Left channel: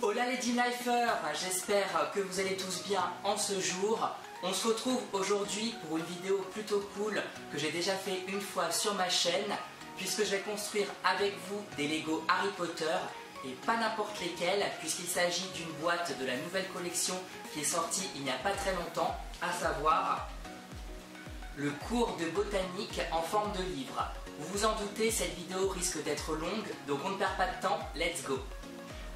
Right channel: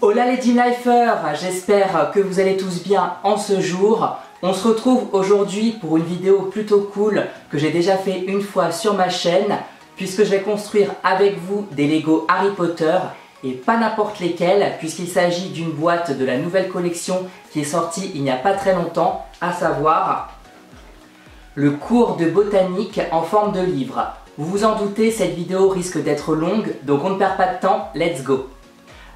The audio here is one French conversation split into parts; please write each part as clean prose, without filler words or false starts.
Hola les Team Lifers, j'espère que vous allez tous bien en ce jour. On se retrouve aujourd'hui pour une vidéo plutôt cool que j'ai déjà fait une fois sur ma chaîne, puisque je vais construire avec vous des Lego Harry Potter et pas n'importe lesquels, puisqu'il s'agit d'une boîte de la nouvelle collection qui est sortie il n'y a pas très longtemps, à savoir le cours de botanique en forme de livre. Vous vous en doutez, cette vidéo risque d'être longue, donc on ne perd pas de temps, let's go!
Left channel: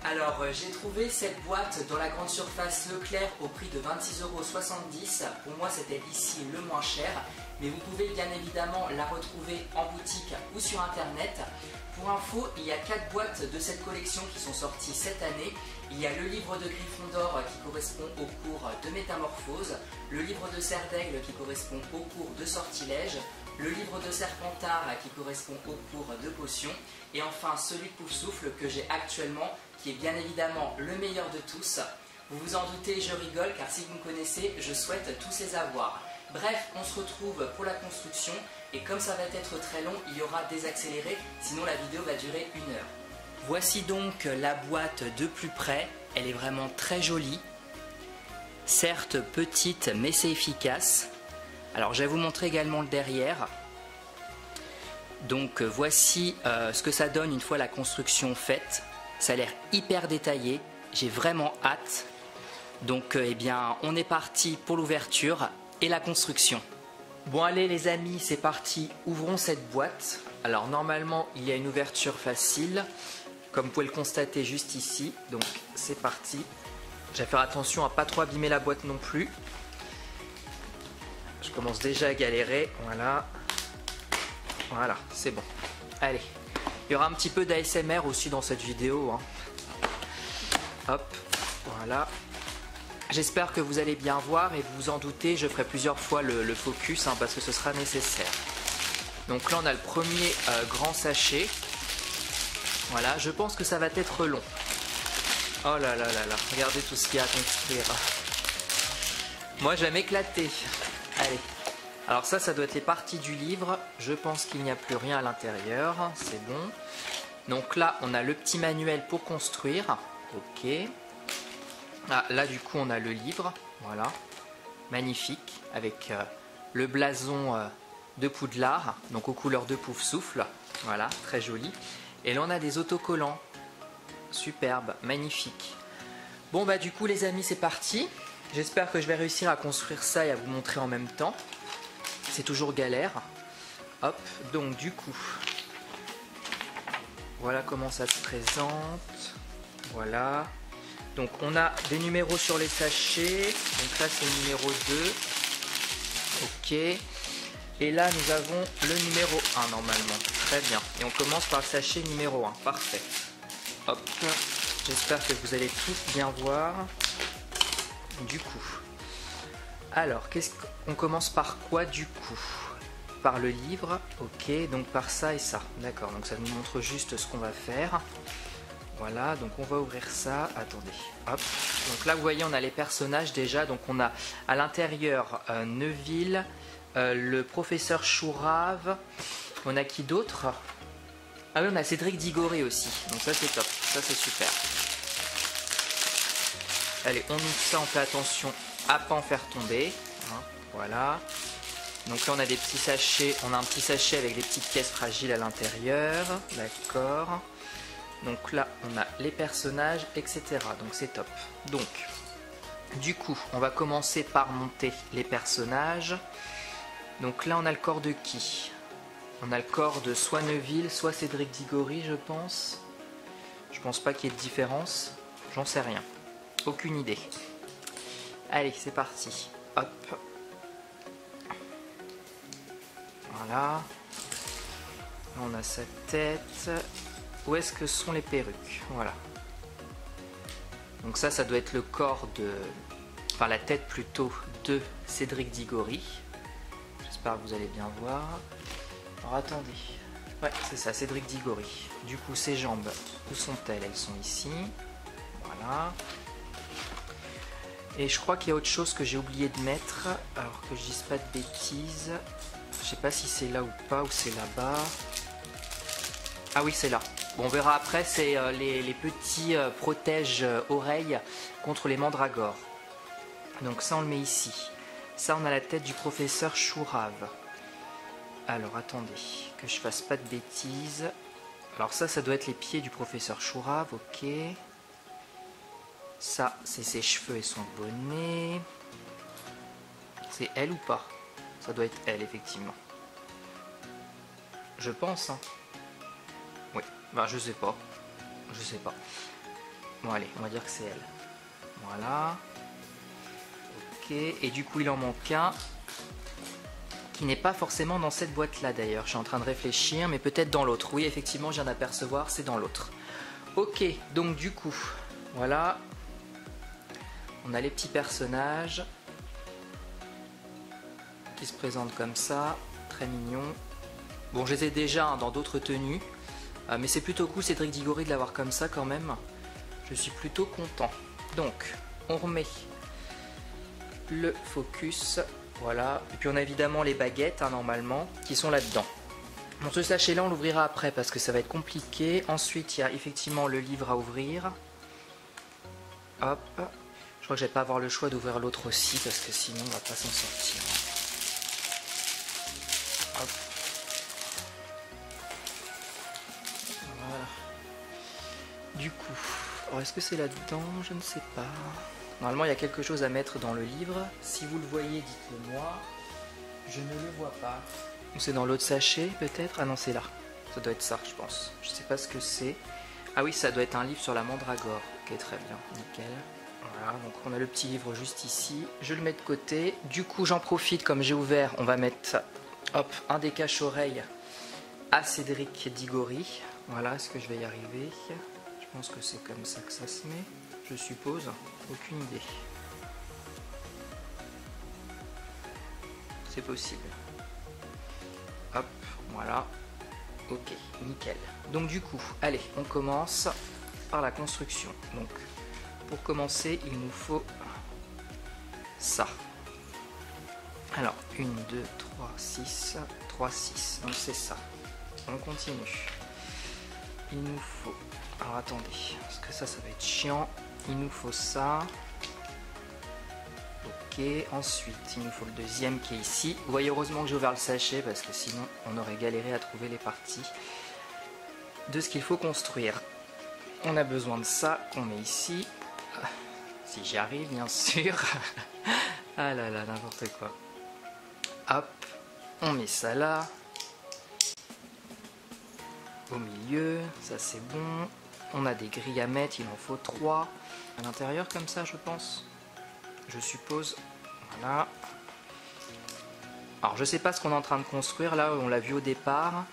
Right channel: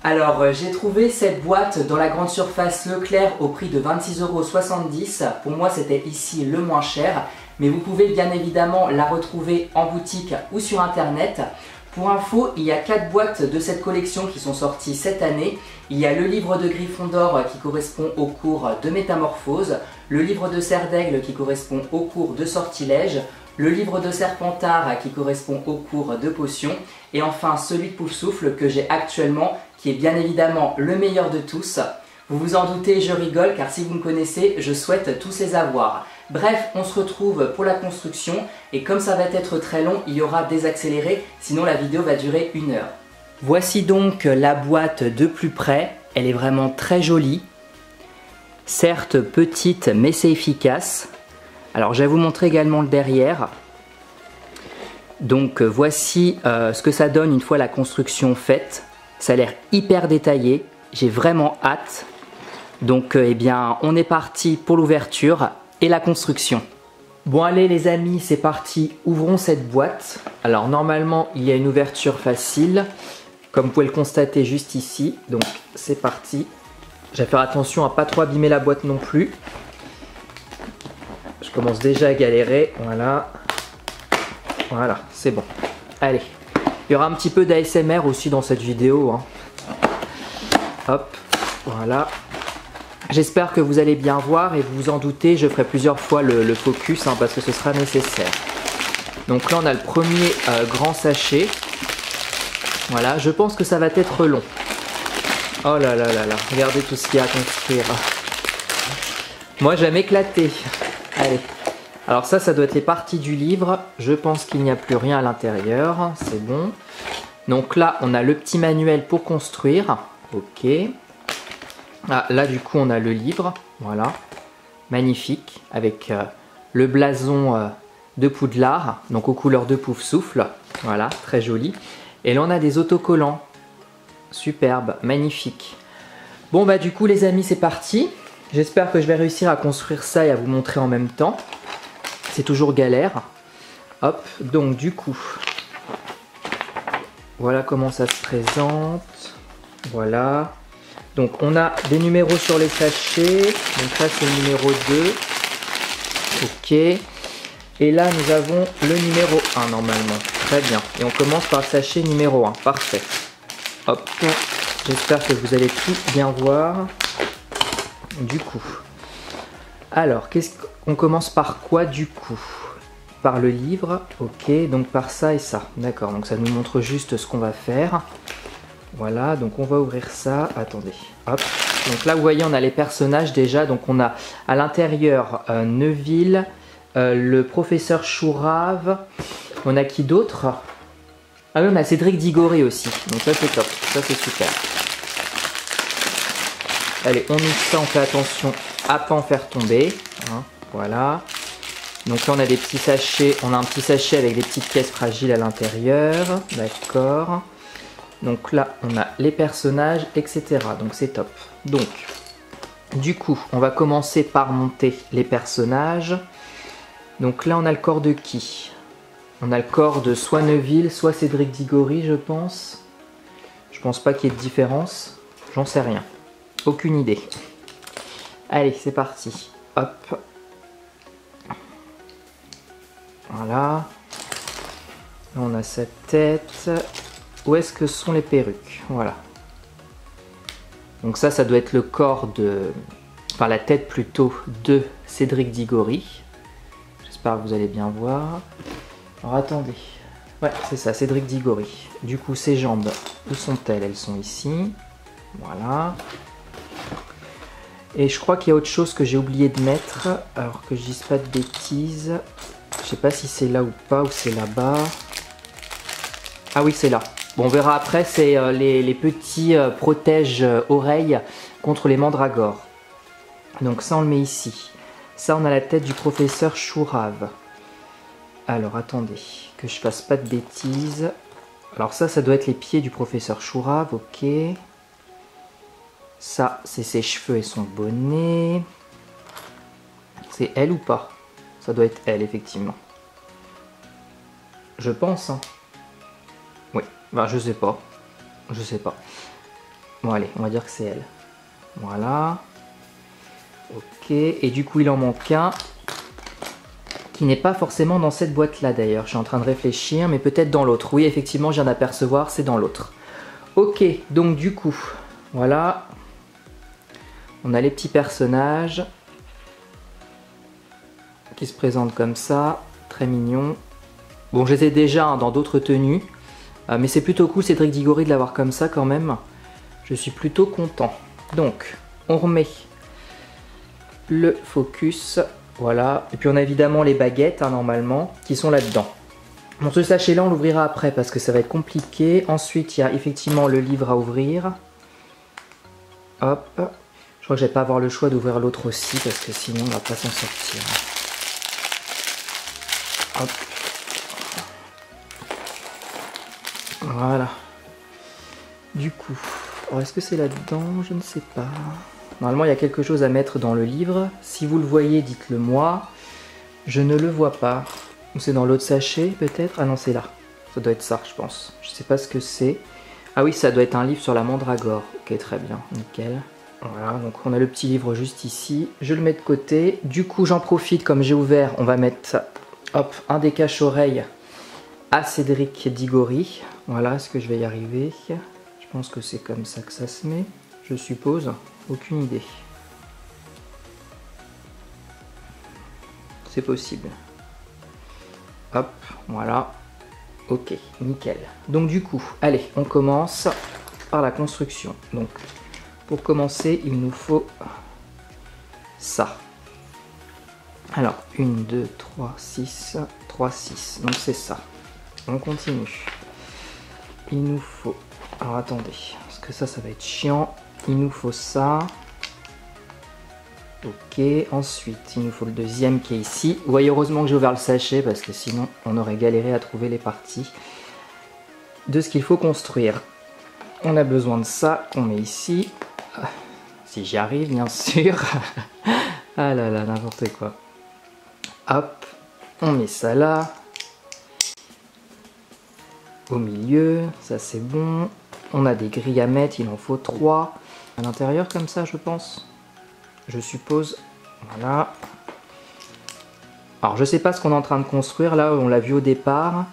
Alors j'ai trouvé cette boîte dans la grande surface Leclerc au prix de 26,70 €. Pour moi c'était ici le moins cher, mais vous pouvez bien évidemment la retrouver en boutique ou sur internet. Pour info, il y a 4 boîtes de cette collection qui sont sorties cette année. Il y a le livre de Gryffondor qui correspond au cours de Métamorphose, le livre de Serre d'Aigle qui correspond au cours de Sortilège, le livre de Serpentard qui correspond au cours de Potions, et enfin celui de Poufsouffle que j'ai actuellement, qui est bien évidemment le meilleur de tous. Vous vous en doutez, je rigole car si vous me connaissez, je souhaite tous les avoir. Bref, on se retrouve pour la construction et comme ça va être très long, il y aura des accélérés, sinon la vidéo va durer 1 heure. Voici donc la boîte de plus près, elle est vraiment très jolie. Certes petite mais c'est efficace. Alors je vais vous montrer également le derrière. Donc voici ce que ça donne une fois la construction faite. Ça a l'air hyper détaillé, j'ai vraiment hâte. Donc eh bien on est parti pour l'ouverture et la construction. Bon allez les amis, c'est parti, ouvrons cette boîte. Alors normalement il y a une ouverture facile, comme vous pouvez le constater juste ici. Donc c'est parti. Je vais faire attention à pas trop abîmer la boîte non plus. Je commence déjà à galérer, voilà. Voilà, c'est bon. Allez, il y aura un petit peu d'ASMR aussi dans cette vidéo, hein. Hop, voilà. J'espère que vous allez bien voir et vous vous en doutez, je ferai plusieurs fois le focus hein, parce que ce sera nécessaire. Donc là on a le premier grand sachet. Voilà, je pense que ça va être long. Oh là là là là, regardez tout ce qu'il y a à construire. Moi j'aime éclater. Allez, alors ça doit être les parties du livre. Je pense qu'il n'y a plus rien à l'intérieur, c'est bon. Donc là, on a le petit manuel pour construire. Ok. Ah, là du coup, on a le livre. Voilà, magnifique, avec le blason de Poudlard, donc aux couleurs de Poufsouffle. Voilà, très joli. Et là, on a des autocollants. Superbe, magnifique. Bon bah du coup, les amis, c'est parti. J'espère que je vais réussir à construire ça et à vous montrer en même temps. C'est toujours galère. Hop, donc du coup, voilà comment ça se présente. Voilà. Donc on a des numéros sur les sachets. Donc ça c'est le numéro 2. Ok. Et là nous avons le numéro 1 normalement. Très bien. Et on commence par le sachet numéro 1. Parfait. Hop. J'espère que vous allez tout bien voir. Du coup, alors qu'est-ce qu'on commence par quoi du coup? Par le livre, ok, donc par ça et ça, d'accord, donc ça nous montre juste ce qu'on va faire. Voilà, donc on va ouvrir ça, attendez, hop, donc là vous voyez on a les personnages déjà, donc on a à l'intérieur Neville, le professeur Chourave, on a qui d'autre? Ah oui, on a Cédric Diggory aussi, donc ça c'est top, ça c'est super. Allez, on mixe ça, on fait attention à pas en faire tomber. Hein, voilà. Donc là, on a des petits sachets. On a un petit sachet avec des petites pièces fragiles à l'intérieur. D'accord. Donc là, on a les personnages, etc. Donc c'est top. Donc, du coup, on va commencer par monter les personnages. Donc là, on a le corps de qui? On a le corps de soit Neville, soit Cédric Diggory, je pense. Je pense pas qu'il y ait de différence. J'en sais rien. Aucune idée. Allez, c'est parti. Hop. Voilà. Là, on a sa tête. Où est-ce que sont les perruques? Voilà. Donc ça doit être le corps de... Enfin, la tête plutôt de Cédric Diggory. J'espère que vous allez bien voir. Alors, attendez. Ouais, c'est ça, Cédric Diggory. Du coup, ses jambes, où sont-elles? Elles sont ici. Voilà. Et je crois qu'il y a autre chose que j'ai oublié de mettre, alors que je dise pas de bêtises. Je sais pas si c'est là ou pas, ou c'est là-bas. Ah oui, c'est là. Bon, on verra après, c'est les petits protèges oreilles contre les mandragores. Donc ça, on le met ici. Ça, on a la tête du professeur Chourave. Alors, attendez, que je fasse pas de bêtises. Alors ça doit être les pieds du professeur Chourave, ok. Ça, c'est ses cheveux et son bonnet. C'est elle ou pas? Ça doit être elle, effectivement. Je pense, hein. Oui, bah je sais pas. Je sais pas. Bon, allez, on va dire que c'est elle. Voilà. Ok, et du coup, il en manque un. Qui n'est pas forcément dans cette boîte-là, d'ailleurs. Je suis en train de réfléchir, mais peut-être dans l'autre. Oui, effectivement, je viens d'apercevoir, c'est dans l'autre. Ok, donc du coup, voilà. On a les petits personnages qui se présentent comme ça. Très mignons. Bon, je les ai déjà hein, dans d'autres tenues. Mais c'est plutôt cool, Cédric Diggory, de l'avoir comme ça quand même. Je suis plutôt content. Donc, on remet le focus. Voilà. Et puis on a évidemment les baguettes, hein, normalement, qui sont là-dedans. Bon, ce sachet-là, on l'ouvrira après parce que ça va être compliqué. Ensuite, il y a effectivement le livre à ouvrir. Hop. Je crois que je vais pas avoir le choix d'ouvrir l'autre aussi parce que sinon, on va pas s'en sortir. Hop. Voilà. Du coup, est-ce que c'est là-dedans? Je ne sais pas. Normalement, il y a quelque chose à mettre dans le livre. Si vous le voyez, dites-le moi. Je ne le vois pas. Ou c'est dans l'autre sachet, peut-être? Ah non, c'est là. Ça doit être ça, je pense. Je ne sais pas ce que c'est. Ah oui, ça doit être un livre sur la mandragore. Ok, très bien. Nickel. Voilà, donc on a le petit livre juste ici. Je le mets de côté. Du coup, j'en profite, comme j'ai ouvert, on va mettre hop, un des cache-oreilles à Cédric Diggory. Voilà, est-ce que je vais y arriver? Je pense que c'est comme ça que ça se met. Je suppose. Aucune idée. C'est possible. Hop, voilà. Ok, nickel. Donc du coup, allez, on commence par la construction. Donc, pour commencer, il nous faut ça. Alors, 1, 2, 3, 6, 3, 6. Donc c'est ça. On continue. Il nous faut... Alors attendez, parce que ça va être chiant. Il nous faut ça. Ok, ensuite, il nous faut le deuxième qui est ici. Vous voyez, heureusement que j'ai ouvert le sachet, parce que sinon, on aurait galéré à trouver les parties de ce qu'il faut construire. On a besoin de ça, qu'on met ici. Si j'y arrive, bien sûr. Ah là là, n'importe quoi. Hop, on met ça là. Au milieu, ça c'est bon. On a des grilles à mettre, il en faut 3. À l'intérieur comme ça, je pense. Je suppose. Voilà. Alors je sais pas ce qu'on est en train de construire là, on l'a vu au départ.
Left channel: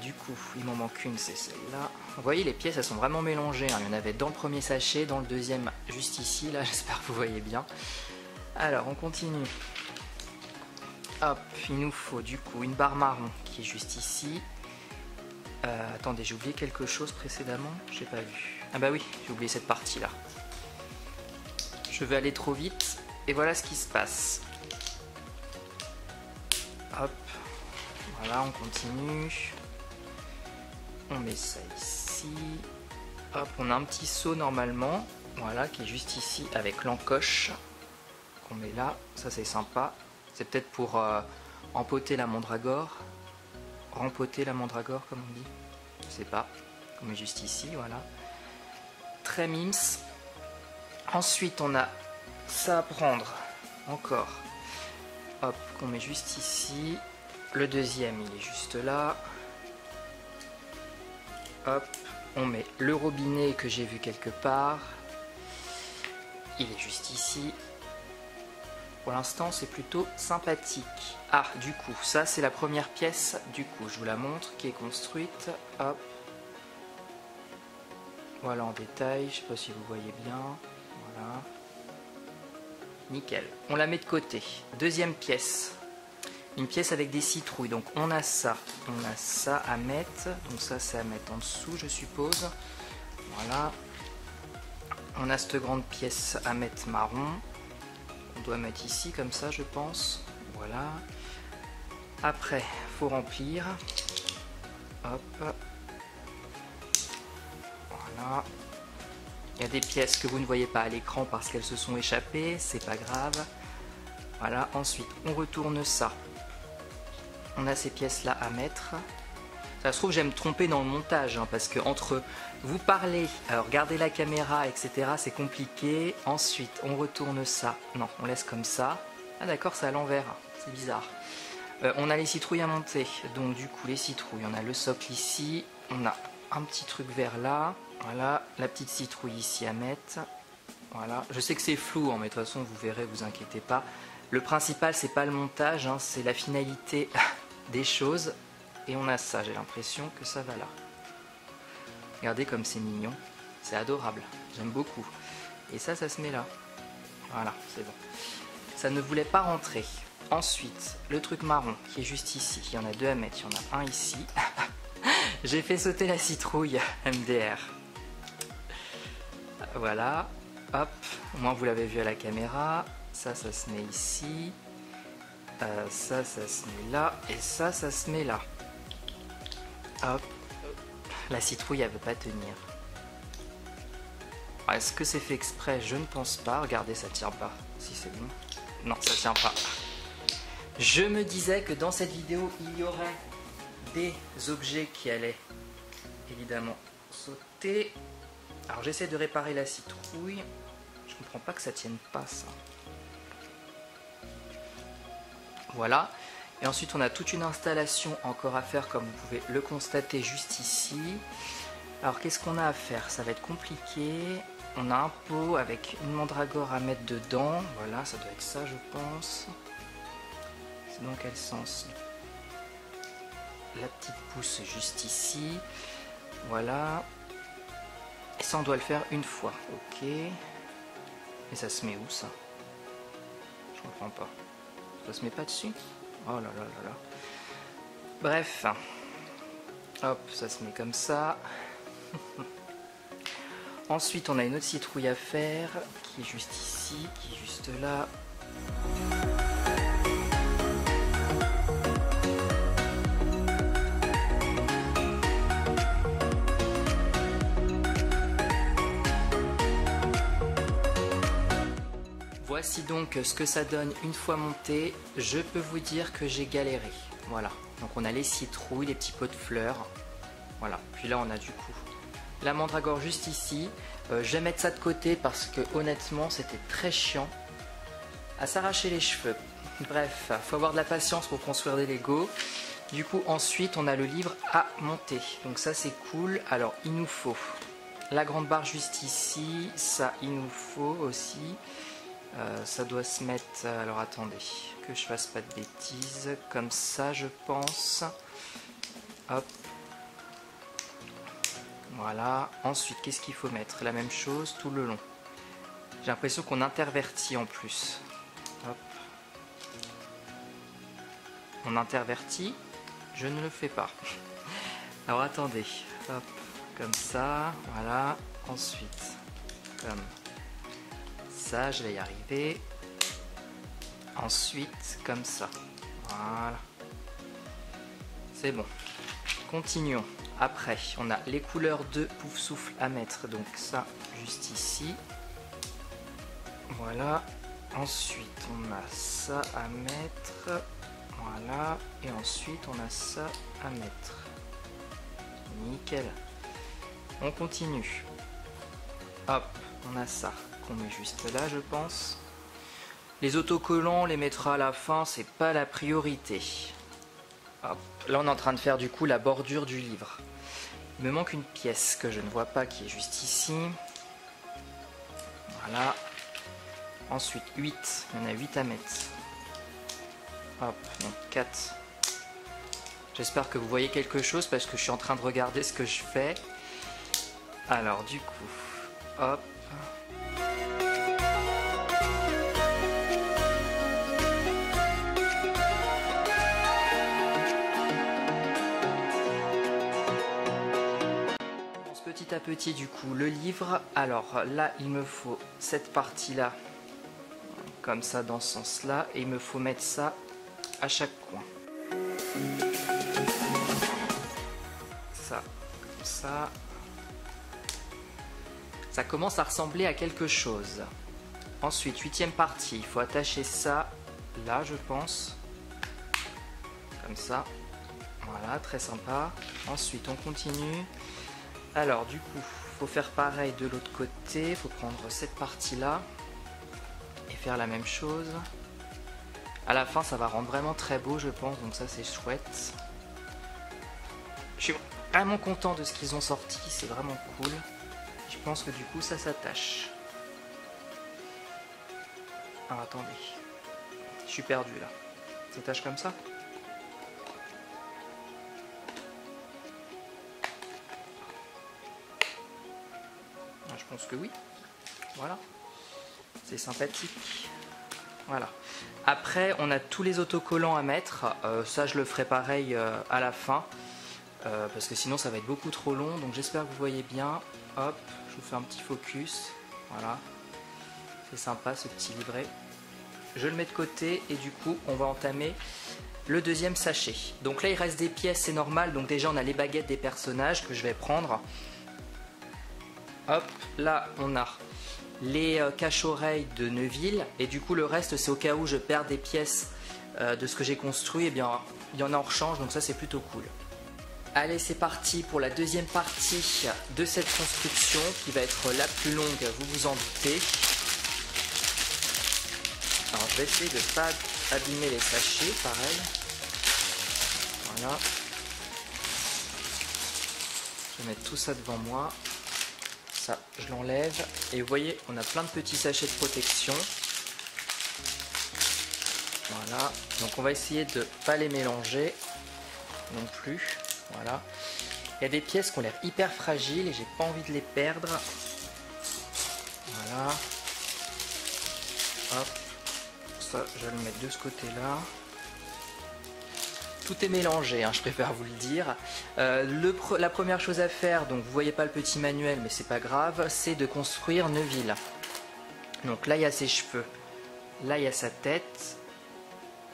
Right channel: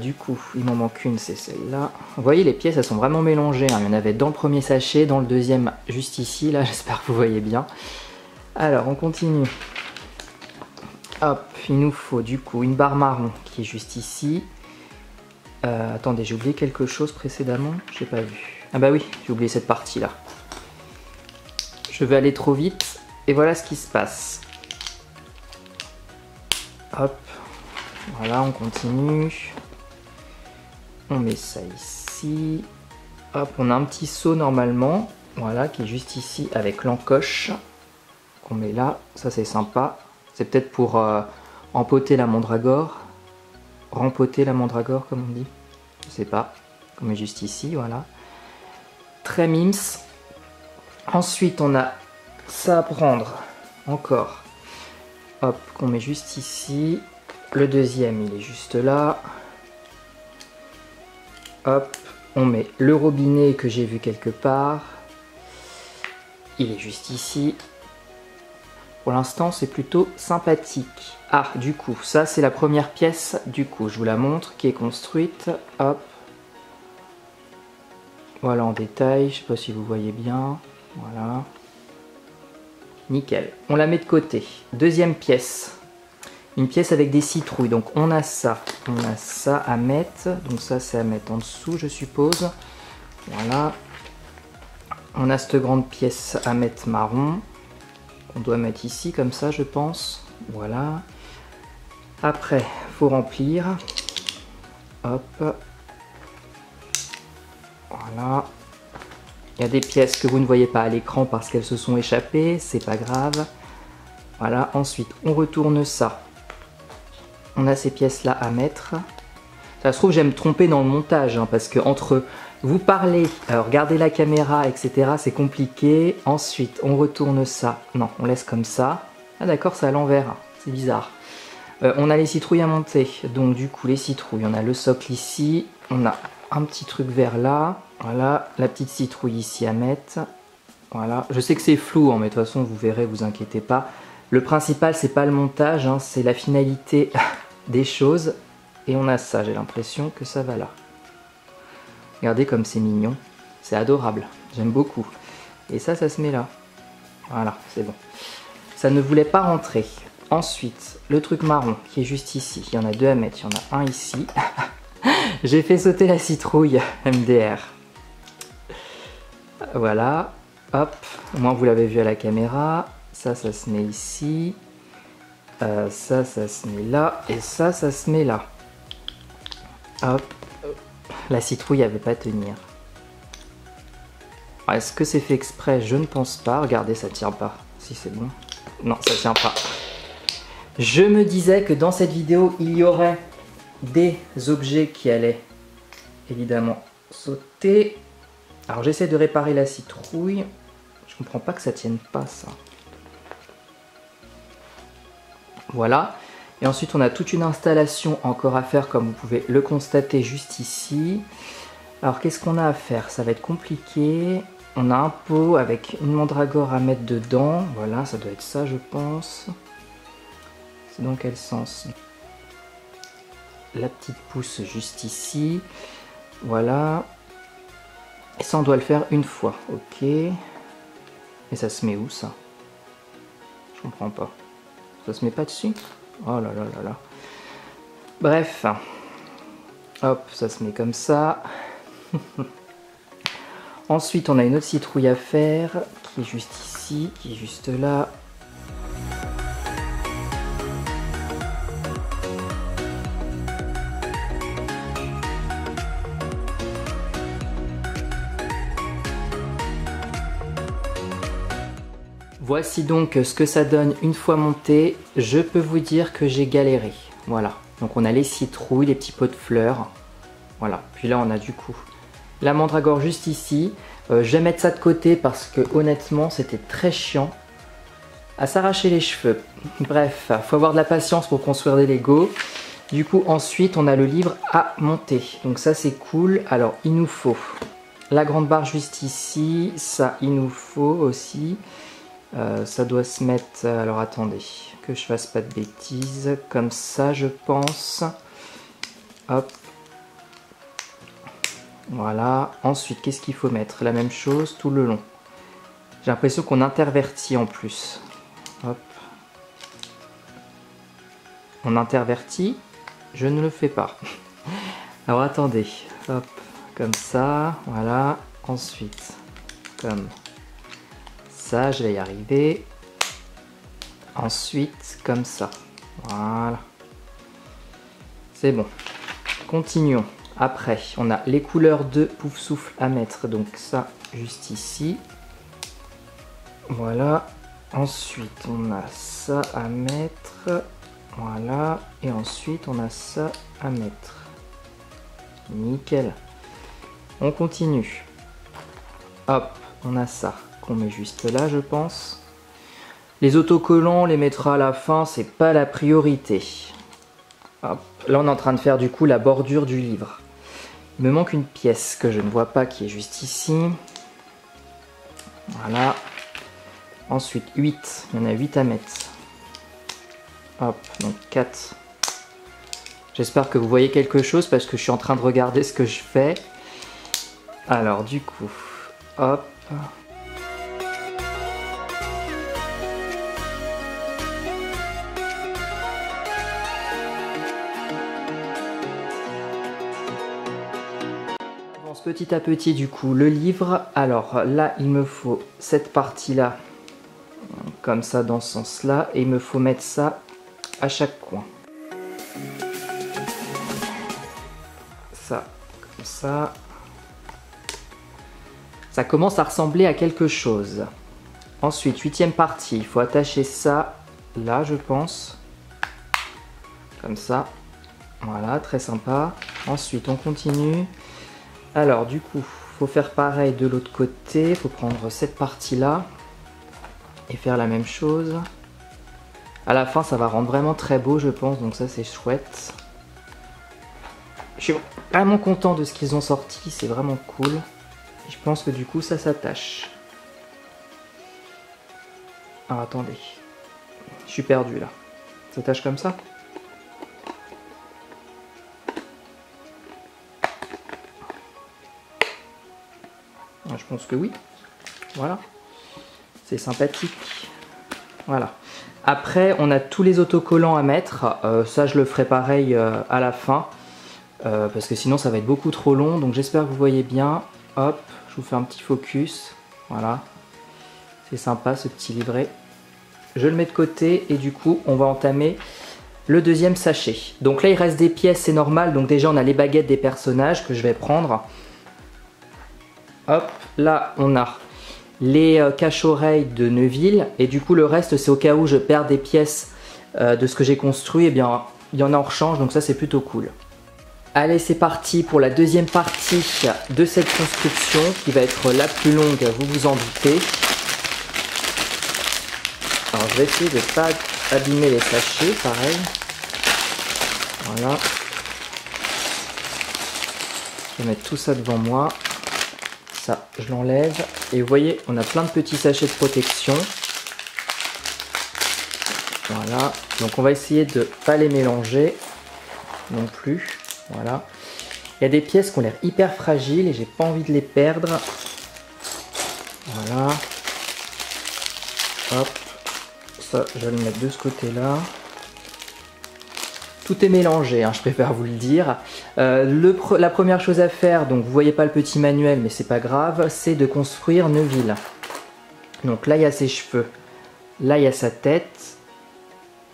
Du coup, il m'en manque une, c'est celle-là. Vous voyez, les pièces, elles sont vraiment mélangées. Hein. Il y en avait dans le premier sachet, dans le deuxième, juste ici. Là, j'espère que vous voyez bien. Alors, on continue. Hop, il nous faut du coup une barre marron qui est juste ici. Attendez, j'ai oublié quelque chose précédemment. J'ai pas vu. Ah bah oui, j'ai oublié cette partie-là. Je vais aller trop vite. Et voilà ce qui se passe. Hop. Voilà, on continue. On met ça ici. Hop, on a un petit seau normalement. Voilà, qui est juste ici avec l'encoche. Qu'on met là. Ça, c'est sympa. C'est peut-être pour empoter la mandragore. Rempoter la mandragore, comme on dit. Je sais pas. On met juste ici, voilà. Très mims. Ensuite, on a ça à prendre. Encore. Hop, qu'on met juste ici. Le deuxième, il est juste là. Hop, on met le robinet que j'ai vu quelque part. Il est juste ici. Pour l'instant, c'est plutôt sympathique. Ah, du coup, ça c'est la première pièce. Du coup, je vous la montre, qui est construite. Hop. Voilà en détail. Je sais pas si vous voyez bien. Voilà. Nickel. On la met de côté. Deuxième pièce. Une pièce avec des citrouilles. Donc on a ça à mettre. Donc ça c'est à mettre en dessous, je suppose. Voilà. On a cette grande pièce à mettre marron. On doit mettre ici comme ça, je pense. Voilà. Après, faut remplir. Hop. Voilà. Il y a des pièces que vous ne voyez pas à l'écran parce qu'elles se sont échappées, c'est pas grave. Voilà, ensuite on retourne ça. On a ces pièces là à mettre. Ça se trouve je vais me tromper dans le montage hein, parce que entre vous parler, regarder la caméra, etc. c'est compliqué. Ensuite on retourne ça. Non, on laisse comme ça. Ah d'accord, c'est à l'envers, c'est bizarre. On a les citrouilles à monter, donc du coup les citrouilles, on a le socle ici, on a un petit truc vert là, voilà, la petite citrouille ici à mettre, voilà, je sais que c'est flou, hein, mais de toute façon vous verrez, vous inquiétez pas. Le principal c'est pas le montage, hein, c'est la finalité des choses, et on a ça, j'ai l'impression que ça va là. Regardez comme c'est mignon, c'est adorable, j'aime beaucoup. Et ça se met là, voilà, c'est bon. Ça ne voulait pas rentrer. Ensuite, le truc marron qui est juste ici, il y en a deux à mettre, il y en a un ici. J'ai fait sauter la citrouille MDR. Voilà, hop, au moins vous l'avez vu à la caméra. Ça se met ici. Ça se met là. Et ça se met là. Hop, la citrouille elle veut pas tenir. Est-ce que c'est fait exprès? Je ne pense pas. Regardez, ça tient pas. Si c'est bon. Non, ça tient pas. Je me disais que dans cette vidéo, il y aurait des objets qui allaient évidemment sauter. Alors j'essaie de réparer la citrouille. Je comprends pas que ça tienne pas ça. Voilà. Et ensuite on a toute une installation encore à faire comme vous pouvez le constater juste ici. Alors qu'est-ce qu'on a à faire? Ça va être compliqué. On a un pot avec une mandragore à mettre dedans. Voilà, ça doit être ça je pense. C'est dans quel sens? La petite pousse juste ici. Voilà. Et ça, on doit le faire une fois. Ok. Et ça se met où, ça? Je comprends pas. Ça se met pas dessus? Oh là là là là. Bref. Hop, ça se met comme ça. Ensuite, on a une autre citrouille à faire qui est juste ici, qui est juste là. Voici donc ce que ça donne une fois monté. Je peux vous dire que j'ai galéré. Voilà. Donc on a les citrouilles, les petits pots de fleurs. Voilà. Puis là on a du coup la mandragore juste ici. Je vais mettre ça de côté parce que honnêtement c'était très chiant à s'arracher les cheveux. Bref, faut avoir de la patience pour construire des Lego. Du coup ensuite on a le livre à monter. Donc ça c'est cool. Alors il nous faut la grande barre juste ici. Ça il nous faut aussi. Ça doit se mettre, alors attendez, que je fasse pas de bêtises, comme ça je pense. Hop. Voilà. Ensuite, qu'est-ce qu'il faut mettre? La même chose tout le long. J'ai l'impression qu'on intervertit en plus. Hop. On intervertit, je ne le fais pas. Alors attendez, hop, comme ça, voilà. Ensuite, comme ça, je vais y arriver. Ensuite, comme ça. Voilà. C'est bon. Continuons. Après, on a les couleurs de Pouf Souffle à mettre. Donc ça, juste ici. Voilà. Ensuite, on a ça à mettre. Voilà. Et ensuite, on a ça à mettre. Nickel. On continue. Hop, on a ça qu'on met juste là, je pense. Les autocollants, on les mettra à la fin, c'est pas la priorité. Hop. Là, on est en train de faire du coup la bordure du livre. Il me manque une pièce que je ne vois pas qui est juste ici. Voilà. Ensuite, 8. Il y en a 8 à mettre. Hop, donc 4. J'espère que vous voyez quelque chose parce que je suis en train de regarder ce que je fais. Alors, du coup, hop. Petit à petit du coup le livre. Alors là il me faut cette partie là comme ça dans ce sens là et il me faut mettre ça à chaque coin. Ça comme ça. Ça commence à ressembler à quelque chose. Ensuite, 8e partie, il faut attacher ça là, je pense. Comme ça. Voilà, très sympa. Ensuite, on continue. Alors, du coup, il faut faire pareil de l'autre côté. Il faut prendre cette partie-là et faire la même chose. À la fin, ça va rendre vraiment très beau, je pense. Donc ça, c'est chouette. Je suis vraiment content de ce qu'ils ont sorti. C'est vraiment cool. Et je pense que du coup, ça s'attache. Alors, attendez. Je suis perdu, là. Ça s'attache comme ça? Je pense que oui. Voilà. C'est sympathique. Voilà. Après, on a tous les autocollants à mettre. Ça, je le ferai pareil à la fin. Parce que sinon, ça va être beaucoup trop long. Donc, j'espère que vous voyez bien. Hop, je vous fais un petit focus. Voilà. C'est sympa, ce petit livret. Je le mets de côté. Et du coup, on va entamer le deuxième sachet. Donc là, il reste des pièces, c'est normal. Donc déjà, on a les baguettes des personnages que je vais prendre. Hop, là, on a les cache-oreilles de Neville. Et du coup, le reste, c'est au cas où je perds des pièces de ce que j'ai construit. Eh bien, il y en a en rechange, donc ça, c'est plutôt cool. Allez, c'est parti pour la deuxième partie de cette construction qui va être la plus longue, vous vous en doutez. Alors, je vais essayer de ne pas abîmer les sachets, pareil. Voilà. Je vais mettre tout ça devant moi. Ça, je l'enlève. Et vous voyez, on a plein de petits sachets de protection. Voilà. Donc, on va essayer de ne pas les mélanger non plus. Voilà. Il y a des pièces qui ont l'air hyper fragiles et j'ai pas envie de les perdre. Voilà. Hop. Ça, je vais le mettre de ce côté-là. Tout est mélangé, hein, je préfère vous le dire. La première chose à faire, donc vous voyez pas le petit manuel, mais c'est pas grave, c'est de construire Neville. Donc là, il y a ses cheveux. Là, il y a sa tête.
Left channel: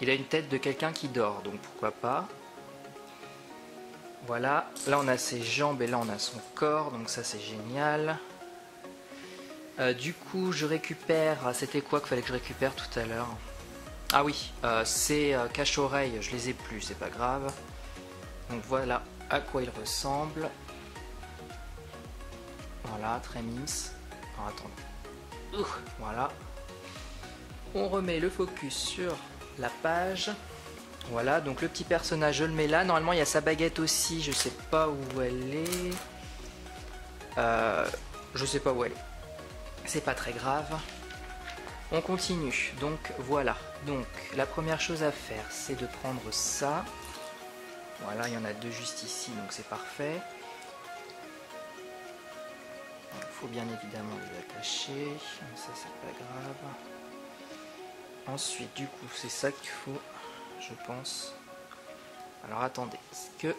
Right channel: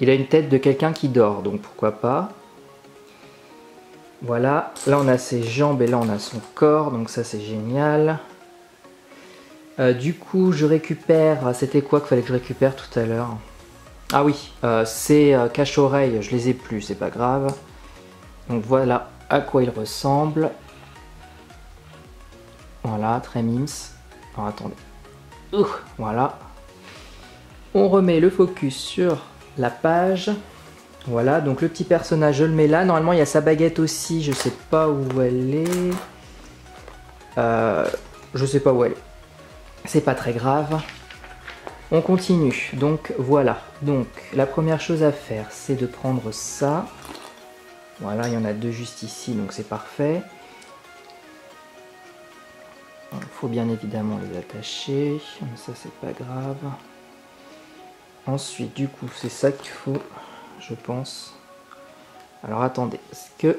Il a une tête de quelqu'un qui dort, donc pourquoi pas. Voilà, là on a ses jambes et là on a son corps, donc ça c'est génial. Du coup, je récupère, c'était quoi qu'il fallait que je récupère tout à l'heure? Ah oui, ces cache-oreilles, je les ai plus, c'est pas grave. Donc voilà à quoi il ressemble. Voilà, très mimes. Alors attendez. Voilà. On remet le focus sur la page. Voilà, donc le petit personnage, je le mets là. Normalement, il y a sa baguette aussi, je sais pas où elle est. Je sais pas où elle est. C'est pas très grave. On continue. Donc voilà. Donc la première chose à faire, c'est de prendre ça. Voilà, il y en a deux juste ici, donc c'est parfait. Il faut bien évidemment les attacher. Ça, c'est pas grave. Ensuite, du coup, c'est ça qu'il faut, je pense. Alors attendez, parce que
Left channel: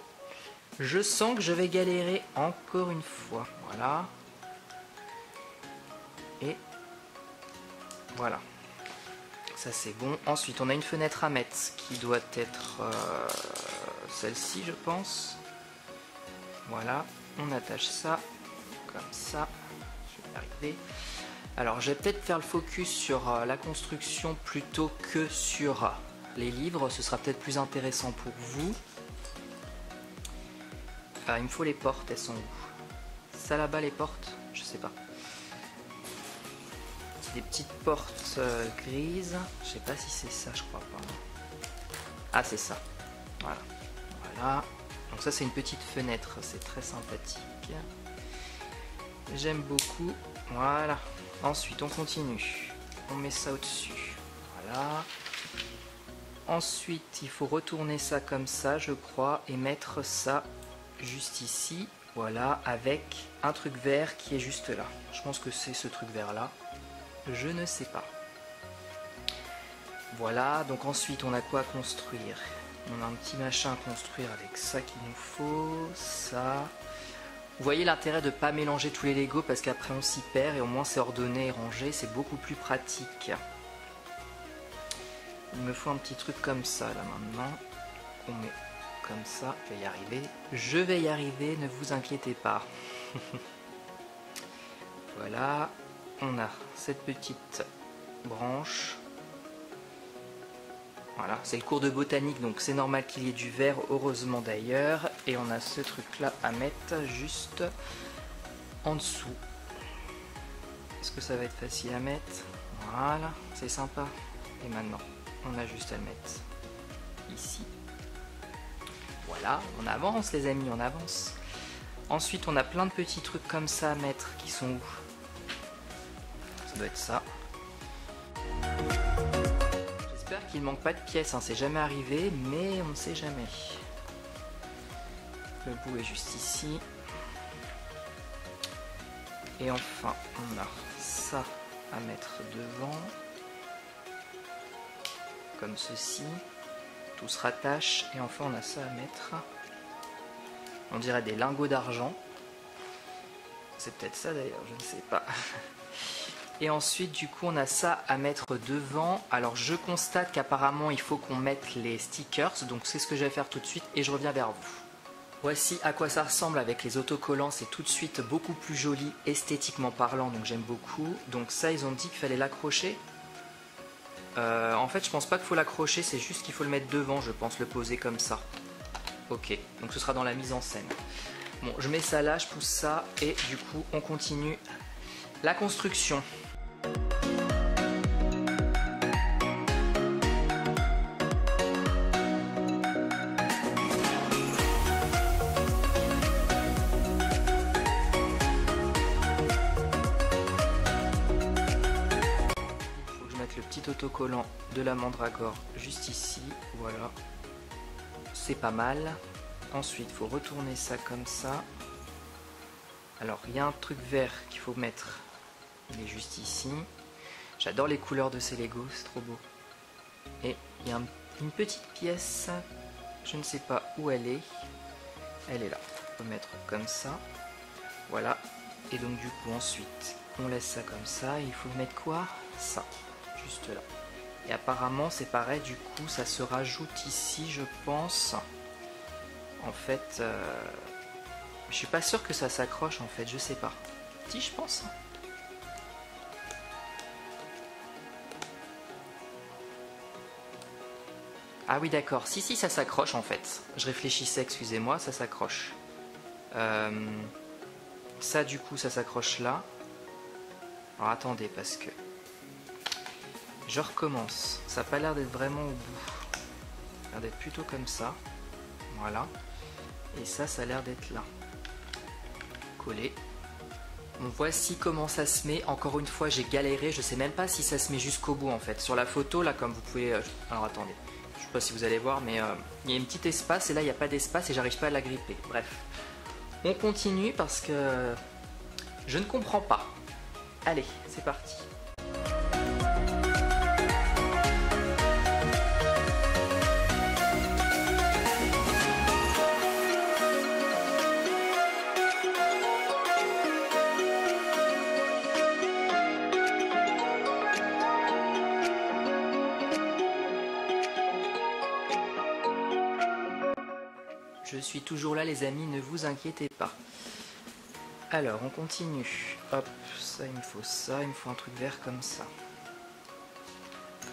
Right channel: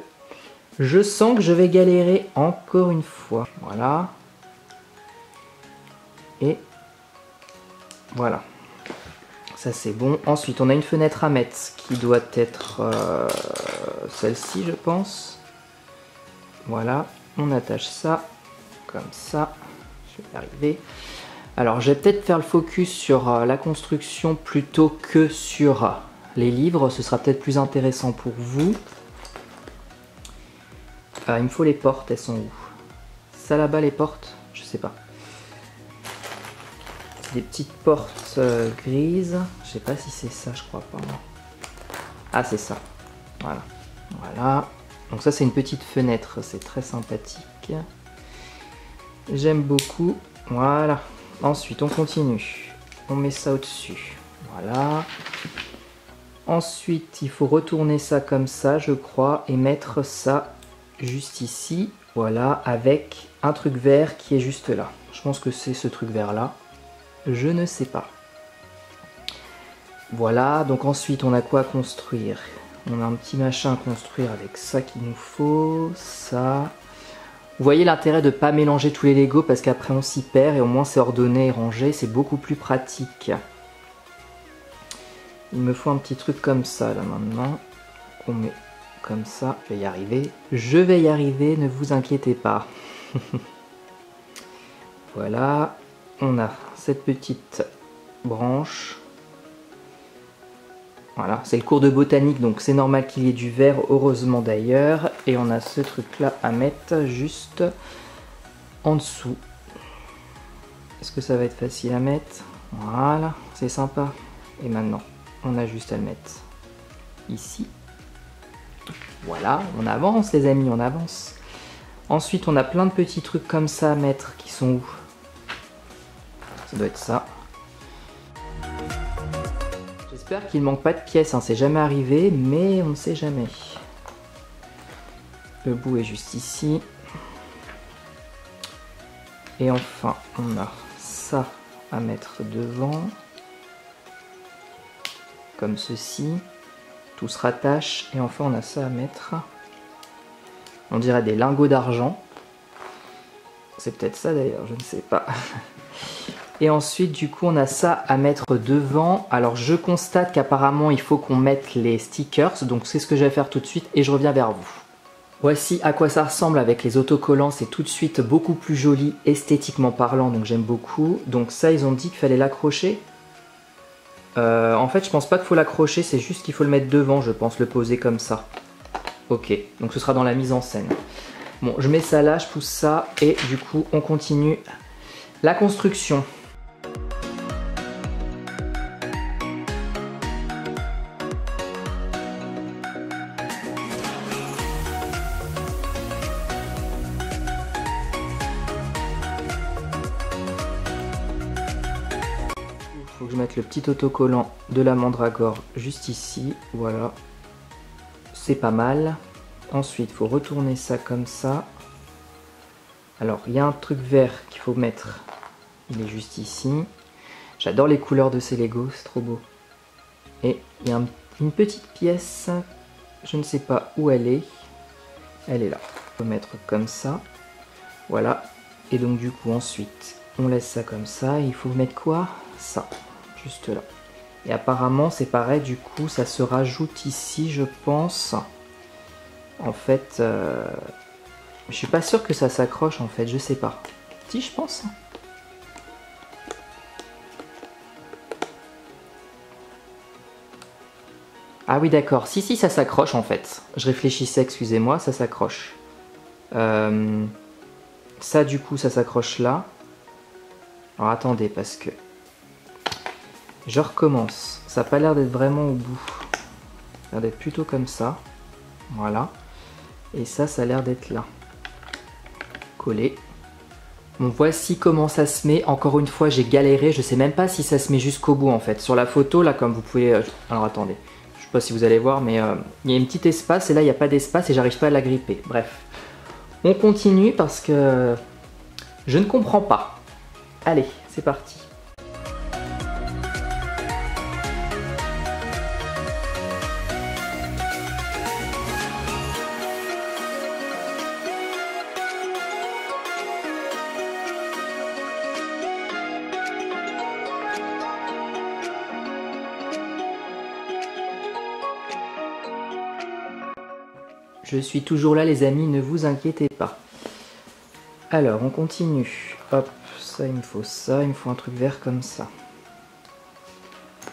je sens que je vais galérer encore une fois. Voilà. Et voilà. Ça c'est bon. Ensuite, on a une fenêtre à mettre qui doit être celle-ci, je pense. Voilà. On attache ça comme ça. Je vais y arriver. Alors, je vais peut-être faire le focus sur la construction plutôt que sur les livres. Ce sera peut-être plus intéressant pour vous. Il me faut les portes. Elles sont où? Ça là-bas, les portes? Je sais pas. Des petites portes grises. Je sais pas si c'est ça, je crois pas. Ah, c'est ça. Voilà. Voilà. Donc ça, c'est une petite fenêtre. C'est très sympathique. J'aime beaucoup. Voilà. Ensuite, on continue. On met ça au-dessus. Voilà. Ensuite, il faut retourner ça comme ça, je crois, et mettre ça juste ici. Voilà, avec un truc vert qui est juste là. Je pense que c'est ce truc vert là. Je ne sais pas. Voilà, donc ensuite on a quoi à construire? On a un petit machin à construire avec ça qu'il nous faut, ça. Vous voyez l'intérêt de ne pas mélanger tous les Lego parce qu'après on s'y perd et au moins c'est ordonné et rangé, c'est beaucoup plus pratique. Il me faut un petit truc comme ça là maintenant, qu'on met comme ça, je vais y arriver. Je vais y arriver, ne vous inquiétez pas. Voilà, on a cette petite branche. Voilà, c'est le cours de botanique, donc c'est normal qu'il y ait du vert, heureusement d'ailleurs. Et on a ce truc-là à mettre juste en dessous. Est-ce que ça va être facile à mettre? Voilà, c'est sympa. Et maintenant, on a juste à le mettre ici. Voilà, on avance les amis, on avance. Ensuite, on a plein de petits trucs comme ça à mettre qui sont où? Ça doit être ça. J'espère qu'il ne manque pas de pièces, hein. C'est jamais arrivé, mais on ne sait jamais. Le bout est juste ici. Et enfin, on a ça à mettre devant. Comme ceci. Tout se rattache. Et enfin, on a ça à mettre. On dirait des lingots d'argent. C'est peut-être ça d'ailleurs, je ne sais pas. Et ensuite, du coup, on a ça à mettre devant. Alors, je constate qu'apparemment, il faut qu'on mette les stickers. Donc, c'est ce que je vais faire tout de suite et je reviens vers vous. Voici à quoi ça ressemble avec les autocollants. C'est tout de suite beaucoup plus joli, esthétiquement parlant. Donc, j'aime beaucoup. Donc, ça, ils ont dit qu'il fallait l'accrocher. En fait, je pense pas qu'il faut l'accrocher. C'est juste qu'il faut le mettre devant, je pense, le poser comme ça. Ok, donc ce sera dans la mise en scène. Bon, je mets ça là, je pousse ça. Et du coup, on continue la construction. Faut que je mette le petit autocollant de la mandragore juste ici. Voilà. C'est pas mal. Ensuite, il faut retourner ça comme ça. Alors, il y a un truc vert qu'il faut mettre. Il est juste ici. J'adore les couleurs de ces Lego, c'est trop beau. Et il y a une petite pièce. Je ne sais pas où elle est. Elle est là. Il faut mettre comme ça. Voilà. Et donc, du coup, ensuite, on laisse ça comme ça. Et il faut mettre quoi? Ça. Juste là. Et apparemment, c'est pareil. Du coup, ça se rajoute ici, je pense. En fait, je suis pas sûr que ça s'accroche en fait, je sais pas. Si, je pense. Ah oui, d'accord. Si, ça s'accroche en fait. Je réfléchissais, excusez-moi, ça s'accroche. Ça, du coup, ça s'accroche là. Alors attendez, parce que je recommence. Ça n'a pas l'air d'être vraiment au bout. Ça a l'air d'être plutôt comme ça. Voilà. Et ça a l'air d'être là. Collé. Bon, voici comment ça se met. Encore une fois, j'ai galéré. Je sais même pas si ça se met jusqu'au bout en fait. Sur la photo, là, comme vous pouvez... Alors attendez. Je sais pas si vous allez voir, mais il y a une petite espace et là, il n'y a pas d'espace et j'arrive pas à la gripper. Bref. On continue parce que je ne comprends pas. Allez, c'est parti. Je suis toujours là les amis, ne vous inquiétez pas. Alors on continue. Hop, ça il me faut ça, il me faut un truc vert comme ça.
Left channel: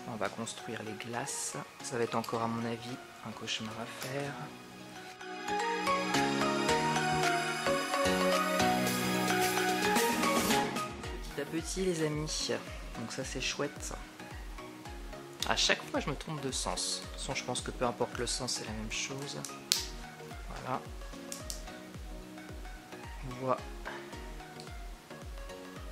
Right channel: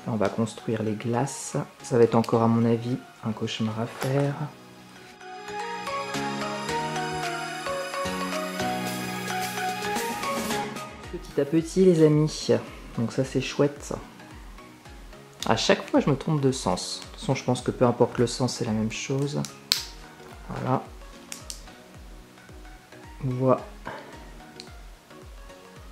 On va construire les glaces. Ça va être encore à mon avis un cauchemar à faire. Petit à petit les amis. Donc ça c'est chouette ça. À chaque fois je me trompe de sens. De toute façon je pense que peu importe le sens c'est la même chose. Voilà. Voilà.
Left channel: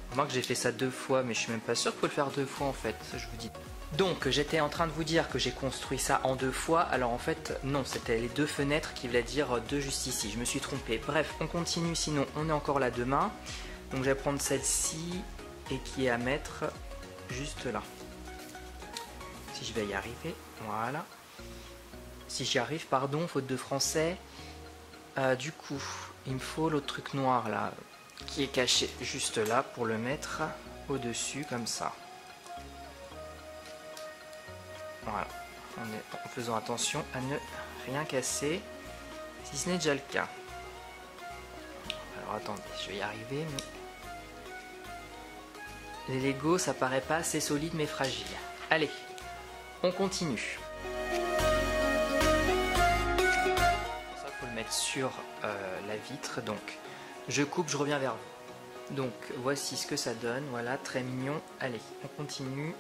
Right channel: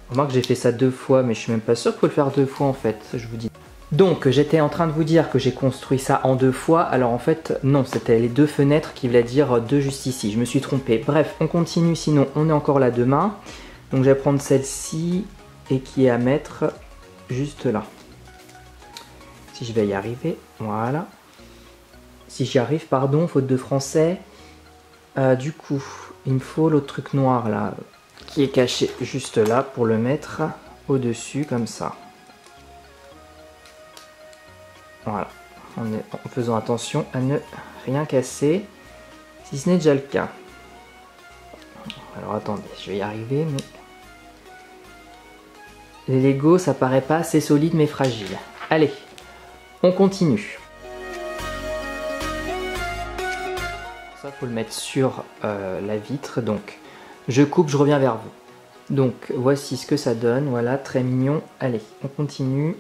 Remarque que j'ai fait ça 2 fois, mais je suis même pas sûr qu'il faut le faire 2 fois en fait, je vous dis. Donc j'étais en train de vous dire que j'ai construit ça en 2 fois, alors en fait non, c'était les 2 fenêtres qui voulaient dire 2 juste ici, je me suis trompé. Bref, on continue, sinon on est encore là demain. Donc je vais prendre celle-ci et qui est à mettre juste là. Si je vais y arriver, voilà. Si j'y arrive, pardon, faute de français. Du coup, il me faut l'autre truc noir là, qui est caché juste là pour le mettre au-dessus comme ça. Voilà, en faisant attention à ne rien casser, si ce n'est déjà le cas. Alors attendez, je vais y arriver, mais Les Lego, ça paraît pas assez solide mais fragile. Allez, on continue. Ça, faut le mettre sur la vitre. Donc, je coupe, je reviens vers vous. Donc, voici ce que ça donne. Voilà, très mignon. Allez, on continue.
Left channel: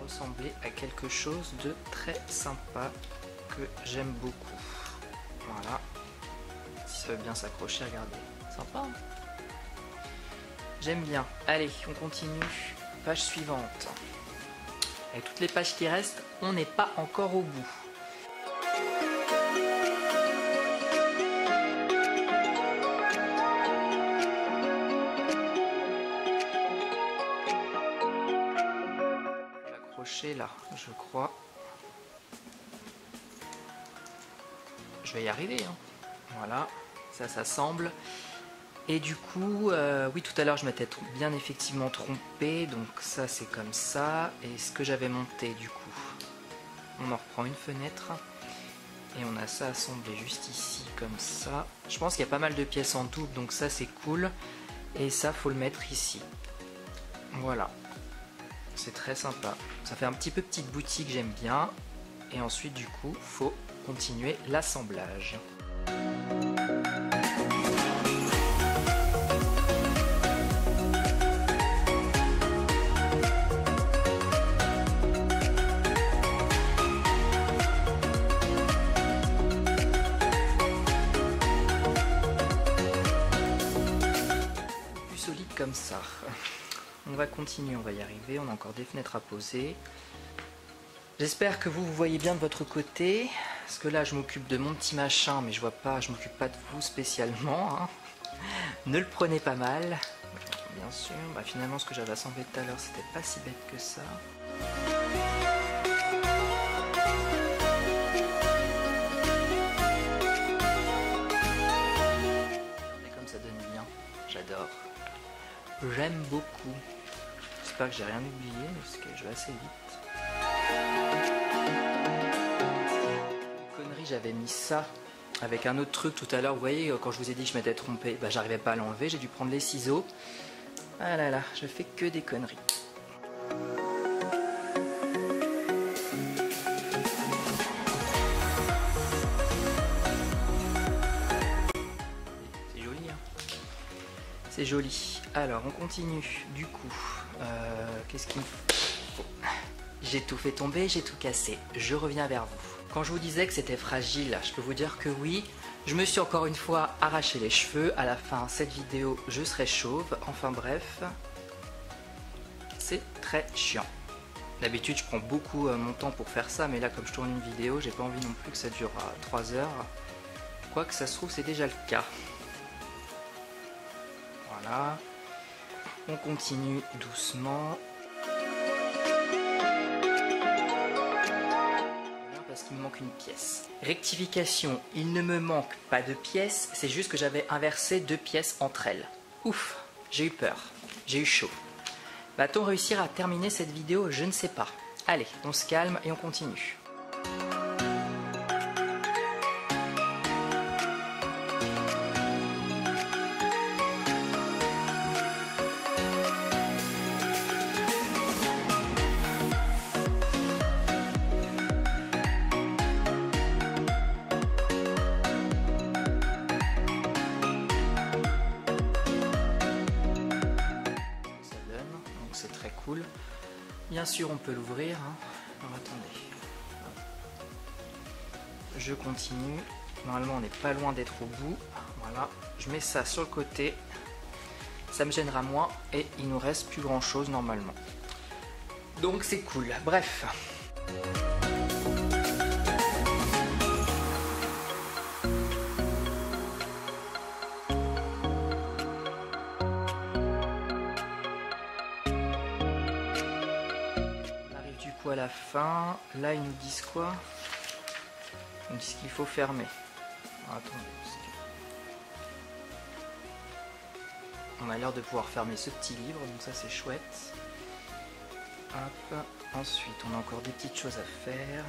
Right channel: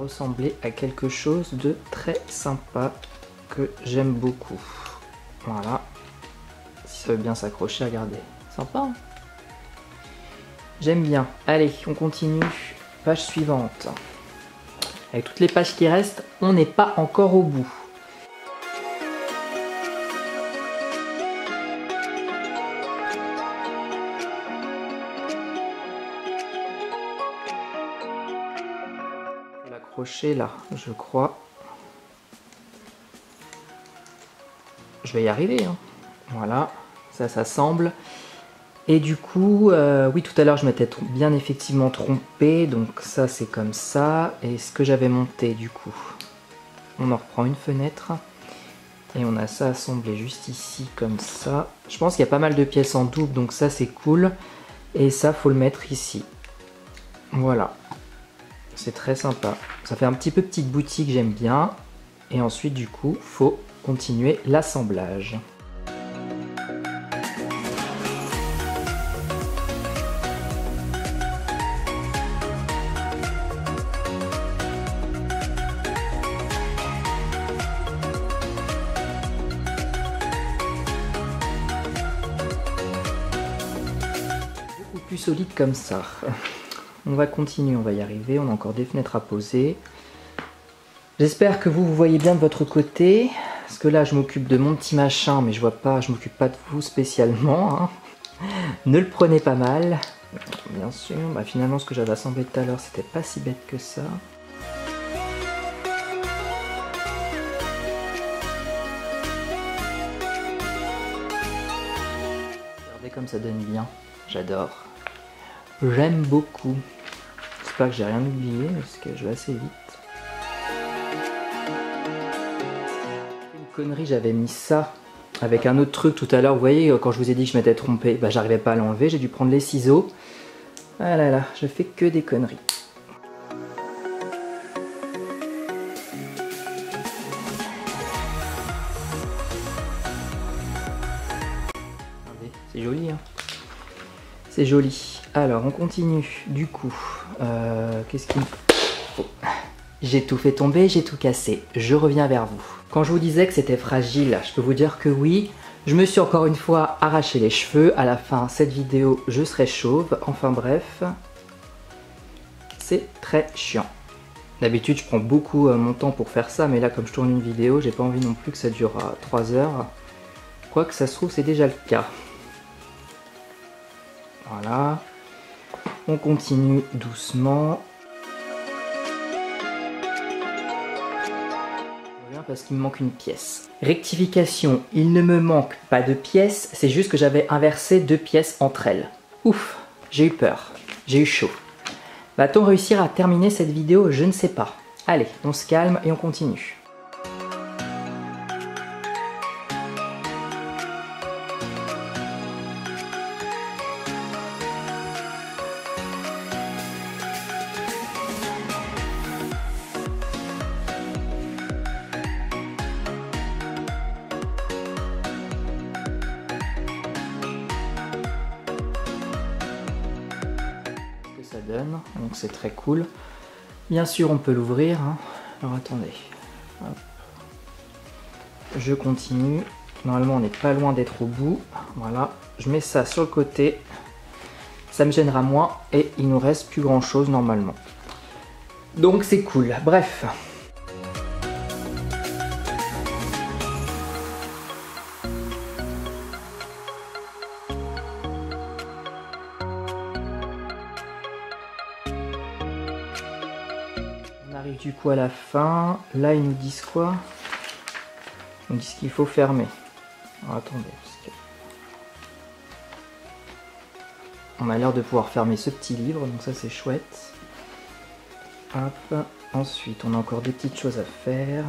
Ressembler à quelque chose de très sympa que j'aime beaucoup. Voilà, si ça veut bien s'accrocher, regardez, sympa hein. J'aime bien. Allez, on continue, page suivante. Avec toutes les pages qui restent, on n'est pas encore au bout. Là, je crois. Je vais y arriver. Hein. Voilà, ça s'assemble. Et du coup, oui, tout à l'heure, je m'étais bien effectivement trompé. Donc ça, c'est comme ça. Et ce que j'avais monté, du coup, on en reprend une fenêtre. Et on a ça assemblé juste ici, comme ça. Je pense qu'il y a pas mal de pièces en double, donc ça, c'est cool. Et ça, faut le mettre ici. Voilà. C'est très sympa. Ça fait un petit peu petite boutique, j'aime bien. Et ensuite, du coup, faut continuer l'assemblage. Beaucoup plus solide comme ça. On va continuer, on va y arriver, on a encore des fenêtres à poser. J'espère que vous voyez bien de votre côté, parce que là je m'occupe de mon petit machin, mais je vois pas, je m'occupe pas de vous spécialement. Hein. Ne le prenez pas mal, bien sûr. Bah, finalement ce que j'avais assemblé tout à l'heure, c'était pas si bête que ça. Regardez comme ça donne bien, j'adore. J'aime beaucoup. J'espère que j'ai rien oublié parce que je vais assez vite. Une connerie, j'avais mis ça avec un autre truc tout à l'heure. Vous voyez, quand je vous ai dit que je m'étais trompé, bah, j'arrivais pas à l'enlever. J'ai dû prendre les ciseaux. Ah là là, je fais que des conneries. C'est joli, hein. C'est joli. Alors, on continue. Du coup, qu'est-ce qu'il me faut? J'ai tout fait tomber, j'ai tout cassé. Je reviens vers vous. Quand je vous disais que c'était fragile, je peux vous dire que oui. Je me suis encore une fois arraché les cheveux. À la fin, cette vidéo, je serai chauve. Enfin bref, c'est très chiant. D'habitude, je prends beaucoup mon temps pour faire ça, mais là, comme je tourne une vidéo, j'ai pas envie non plus que ça dure 3 heures. Je crois que ça se trouve, c'est déjà le cas. Voilà. On continue doucement. Parce qu'il me manque une pièce. Rectification, il ne me manque pas de pièces, c'est juste que j'avais inversé 2 pièces entre elles. Ouf, j'ai eu peur, j'ai eu chaud. Va-t-on réussir à terminer cette vidéo? Je ne sais pas. Allez, on se calme et on continue. Donc c'est très cool. Bien sûr, on peut l'ouvrir. Hein. Alors attendez. Hop. Je continue. Normalement, on n'est pas loin d'être au bout. Voilà. Je mets ça sur le côté. Ça me gênera moins et il nous reste plus grand chose normalement. Donc c'est cool. Bref. On arrive du coup à la fin. Là, ils nous disent quoi? Ils nous disent qu'il faut fermer. Alors, attendez. On a l'air de pouvoir fermer ce petit livre, donc ça c'est chouette. Hop. Ensuite, on a encore des petites choses à faire.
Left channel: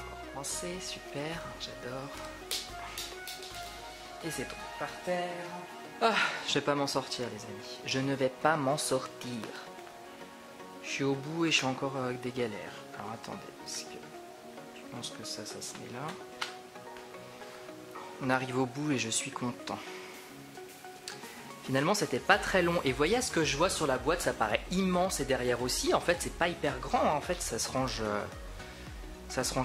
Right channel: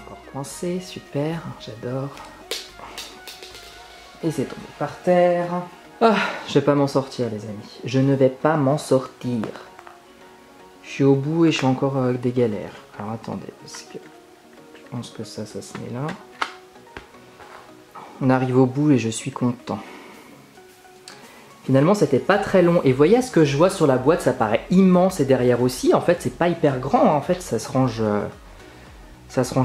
Encore coincé, super, j'adore. Et c'est tombé par terre. Ah, je vais pas m'en sortir les amis. Je ne vais pas m'en sortir. Je suis au bout et je suis encore avec des galères. Alors attendez, parce que je pense que ça se met là. On arrive au bout et je suis content. Finalement, c'était pas très long. Et voyez ce que je vois sur la boîte, ça paraît immense et derrière aussi. En fait, c'est pas hyper grand. En fait, ça se range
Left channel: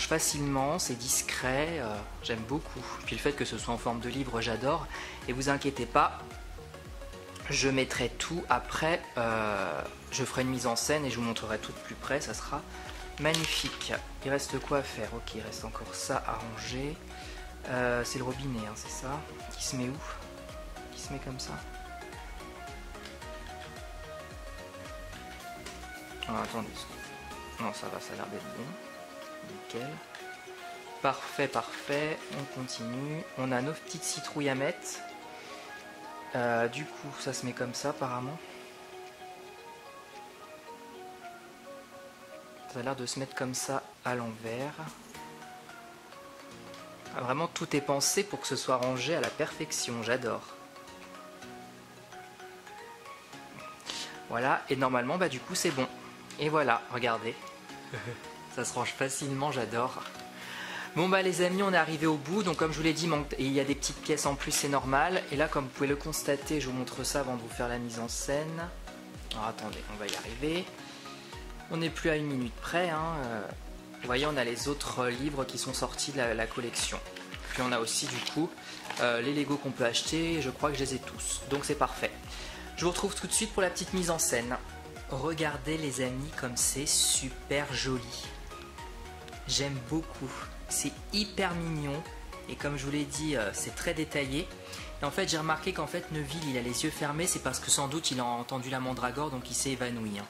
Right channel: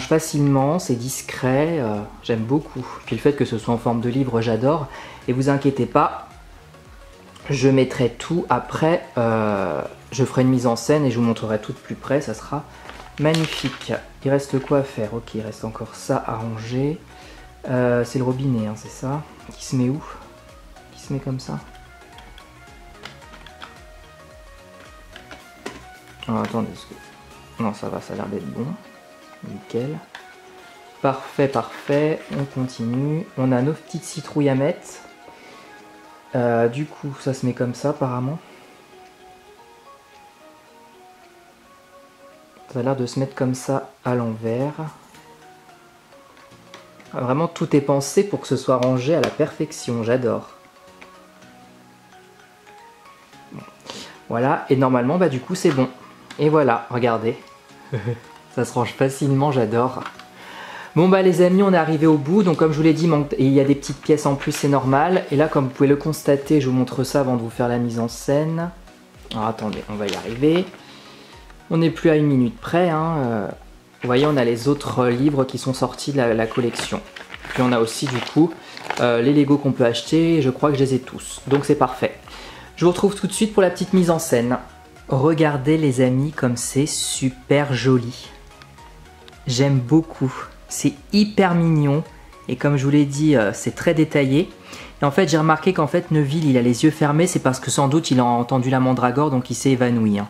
facilement, c'est discret. J'aime beaucoup. Puis le fait que ce soit en forme de livre, j'adore. Et vous inquiétez pas, je mettrai tout après. Je ferai une mise en scène et je vous montrerai tout de plus près. Ça sera magnifique. Il reste quoi à faire? Ok, il reste encore ça à ranger. C'est le robinet, hein, c'est ça? Qui se met où? Qui se met comme ça? Alors, attendez, non ça va, ça a l'air d'être bon, nickel, parfait, parfait, on continue, on a nos petites citrouilles à mettre, du coup ça se met comme ça apparemment, ça a l'air de se mettre comme ça à l'envers, vraiment tout est pensé pour que ce soit rangé à la perfection, j'adore. Voilà, et normalement bah du coup c'est bon. Et voilà, regardez, ça se range facilement, j'adore. Bon bah les amis, on est arrivé au bout, donc comme je vous l'ai dit, il y a des petites pièces en plus, c'est normal. Et là, comme vous pouvez le constater, je vous montre ça avant de vous faire la mise en scène. Alors attendez, on va y arriver. On n'est plus à 1 minute près, hein. Vous voyez, on a les autres livres qui sont sortis de la collection. Puis on a aussi du coup les Lego qu'on peut acheter, je crois que je les ai tous, donc c'est parfait. Je vous retrouve tout de suite pour la petite mise en scène. Regardez les amis comme c'est super joli. J'aime beaucoup. C'est hyper mignon. Et comme je vous l'ai dit, c'est très détaillé. Et en fait, j'ai remarqué qu'en fait, Neville, il a les yeux fermés. C'est parce que sans doute, il a entendu la mandragore, donc il s'est évanoui. Hein.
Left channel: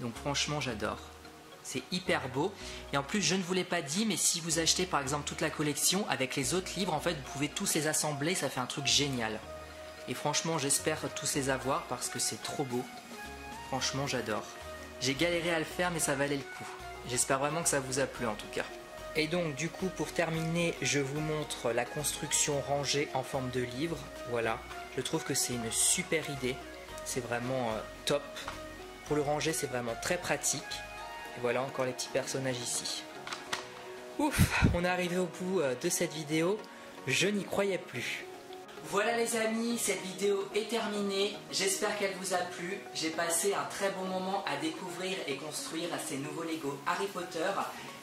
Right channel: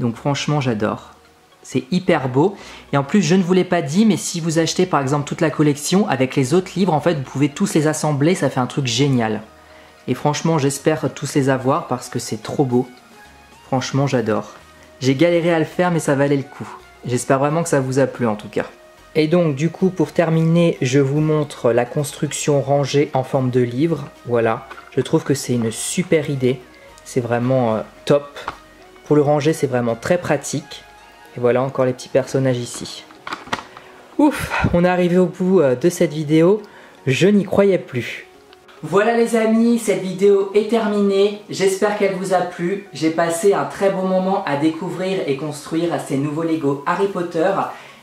Donc franchement, j'adore. C'est hyper beau. Et en plus, je ne vous l'ai pas dit, mais si vous achetez par exemple toute la collection, avec les autres livres, en fait, vous pouvez tous les assembler. Ça fait un truc génial. Et franchement, j'espère tous les avoir parce que c'est trop beau. Franchement, j'adore. J'ai galéré à le faire, mais ça valait le coup. J'espère vraiment que ça vous a plu en tout cas. Et donc, du coup, pour terminer, je vous montre la construction rangée en forme de livre. Voilà. Je trouve que c'est une super idée. C'est vraiment top. Pour le ranger, c'est vraiment très pratique. Et voilà encore les petits personnages ici. Ouf, on est arrivé au bout de cette vidéo. Je n'y croyais plus. Voilà les amis, cette vidéo est terminée, j'espère qu'elle vous a plu. J'ai passé un très bon moment à découvrir et construire ces nouveaux Lego Harry Potter.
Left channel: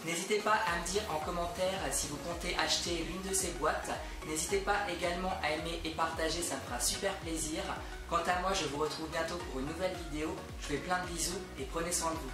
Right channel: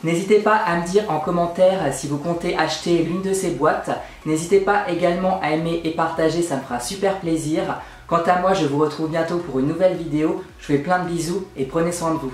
N'hésitez pas à me dire en commentaire si vous comptez acheter l'une de ces boîtes. N'hésitez pas également à aimer et partager, ça me fera super plaisir. Quant à moi, je vous retrouve bientôt pour une nouvelle vidéo. Je vous fais plein de bisous et prenez soin de vous.